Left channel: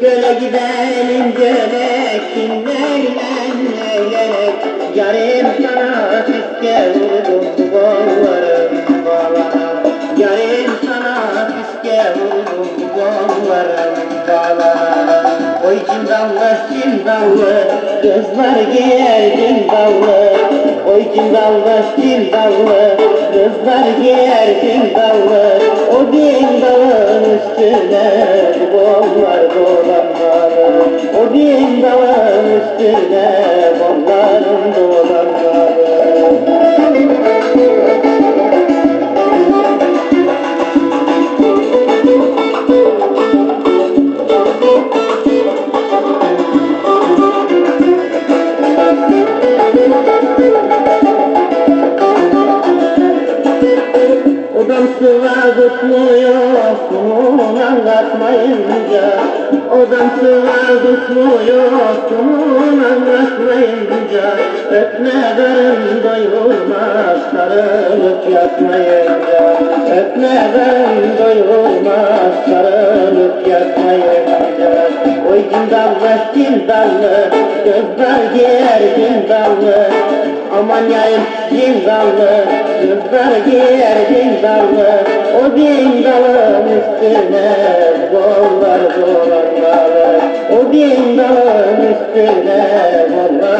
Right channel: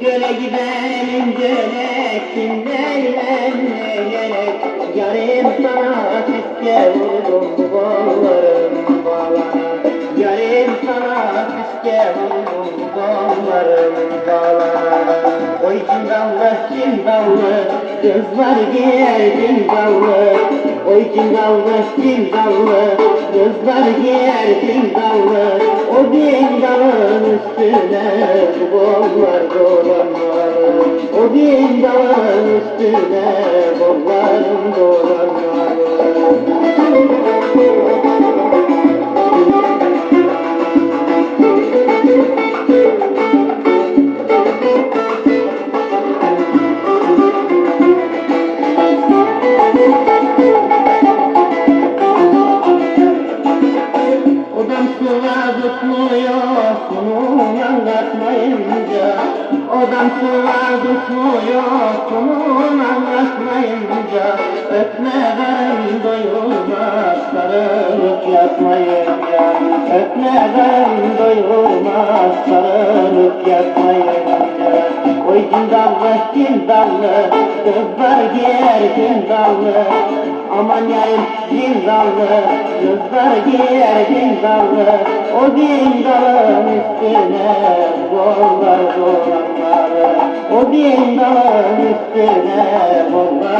Göle gidelim gölek Dinleyelim eğlenek Yarim sana fiske vurdum bu kollarım bağlanım Yarim sana fiske vurdum bu kollarım bağlanım Oy cindallı cindallı Kızlar giyerdin dallı Oy cindallı cindallı Kızlar giyerdin dallı O dindalın üstüne bollar dolanmalı O cindalın üstüne bollarım dolanmalı Odam sıva tutmuyor, anlatmayınca Odam sıva tutmuyor, bunun anlatmayınca Öpme karın doyurmaz, sarılıp yatmayınca Öpme karın doyurmaz, sarılıp yatmayınca Oy cindallı cindallı, gözler giyer cindallı. Aman yayım cindallı, kızlar giyer cindallı Cindalın üstüne bollar dolanmalı O cindalın üstüne bollar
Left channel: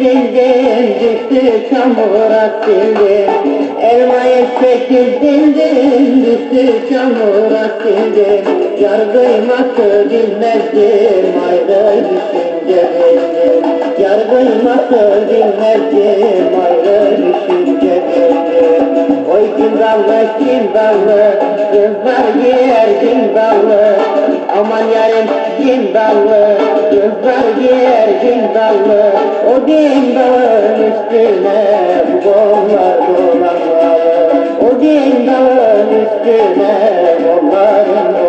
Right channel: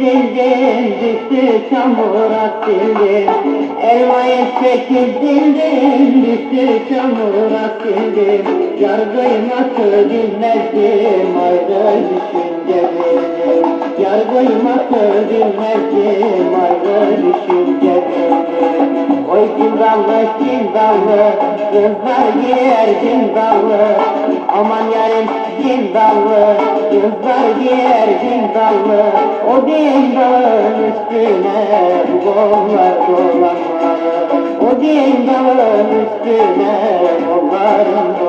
çekildim düştü çamura sildim Elmayı çekildim düştü çamura sildim Yar kıymatı bilmezdim ayrı düşünce bildim Yar kıymatı bilmezdim ayrı düşünce bildim Oy cindallı cindallı kızlar giyer cindallı Aman yarim cindallı kızlar giyer cindallı O cindalın üstüne bollar dolanmalı O cindalın üstüne bolların dolanmalı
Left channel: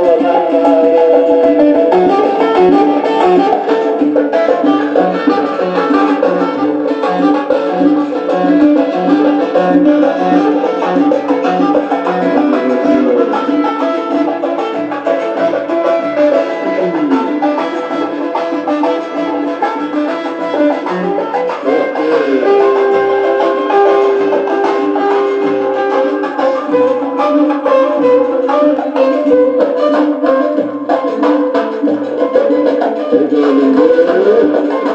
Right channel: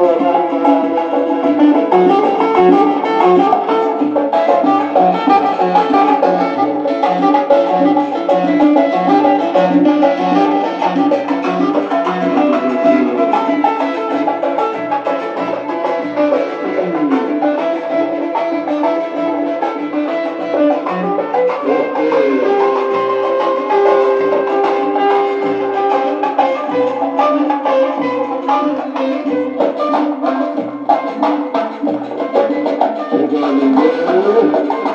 Música